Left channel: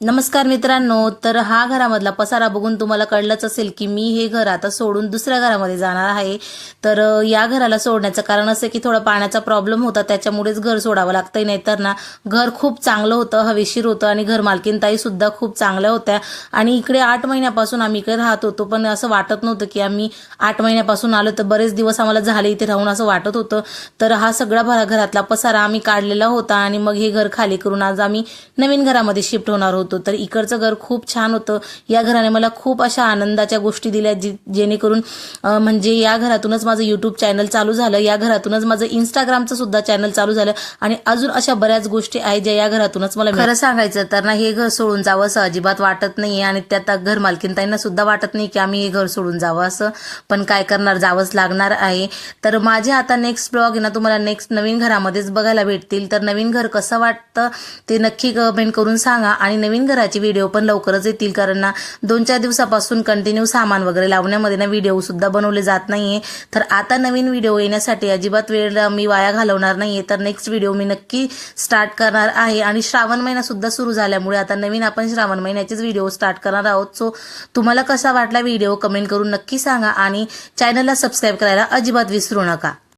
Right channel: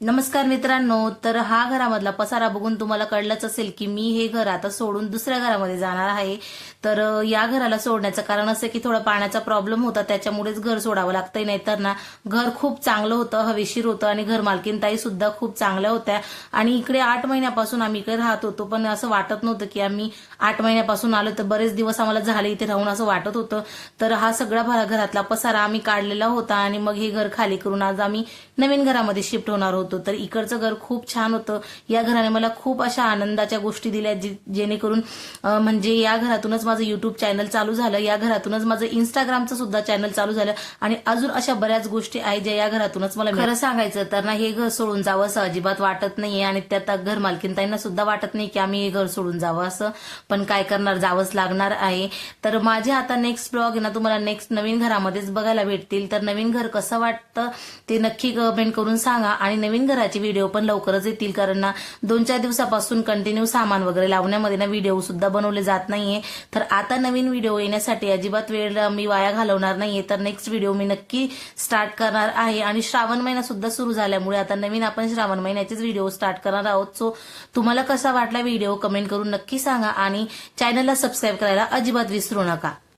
नमस्कार मित्रांनो, तर हा घरामधला पसारा बघून तुम्हाला कळलंच असेल की मी हे घर आता सोडून दुसऱ्या घरामध्ये जाणार आहे. तर या घराला सोडण्याचं कारण असं की थोडा पाण्याचा प्रॉब्लेम होता, त्याच्यामुळेच घर सोडावं लागतंय. नाहीतर ना घर खूप चांगलं होतं, हवेशीर होतं आणि घर मालकीनताई सुद्धा खूप चांगल्या होत्या. आणि इकडे 8 महिन्यापासून आम्ही इकडे राहत होतो, पण असं वाटत नव्हतं की आम्ही 8 महिन्यापासून आलो, तर बरेच दिवस आम्हाला झाले इथे राहून असं वाटत होतं. तर हा सगळा घरातला पसारा आम्ही काढलेला होता आणि मग हे घर खाली करून आज आम्ही नवीन घरामध्ये शिफ्ट होणार होतो. तर इकडचं घर खूप छान होतं. या घराने मला खूप अशा आनंदाच्या गोष्टी दिल्या, जेणेकरून म्हणजे या घरातूनच माझं युट्यूब चॅनल चालू झालं, या घरातूनच माझं इंस्टाग्रामचं सुद्धा चॅनल चालू झालं आणि अजून अशा बऱ्याच गोष्टी आहेत ज्या या घरातूनच मला खरं सांगायचं तर ना हे घर सोडून जावं असं अजिबात वाटत नाहीये आणि त्यात घर मालकीनताईंना सुद्धा वाटत नाही की आम्ही हे घर सोडून जावं असं, पण काय करणार, जावंच लागणार आहे. तर माझे आता नेक्स्ट ब्लॉग आहे ना तुम्हाला नेक्स्ट नवीन घरामध्येच बघायला भेटतील. तर नवीन घर कसं वाटतं ते नक्की कमेंट करून सांगा आणि नवीन घराचे व्हिडिओ पण लवकरच येतील, कारण ना 2-4 दिवसापासून कंटिन्यू सामान वगैरे लावण्यामध्ये ना व्हिडिओ सुद्धा बनवले जात नाहीये. तर आता नवीन व्हिडिओ येण्यासाठी अजिबात वेळ मी वाया घालवणार नाहीये. तर नेक्स्ट व्हिडिओ मी नक्की स्टार्ट करणार आहे आणि श्रावण महिना सुद्धा सुरू झाल्यामुळे आता नवीन आपण श्रावण महिन्याचेच व्हिडिओ स्टार्ट करणार आहोत. सो तुम्हाला कसा वाटला व्हिडिओ कमेंट करून नक्की सांगा आणि चॅनलला सबस्क्राईब करायला अजिबात विसरू नका.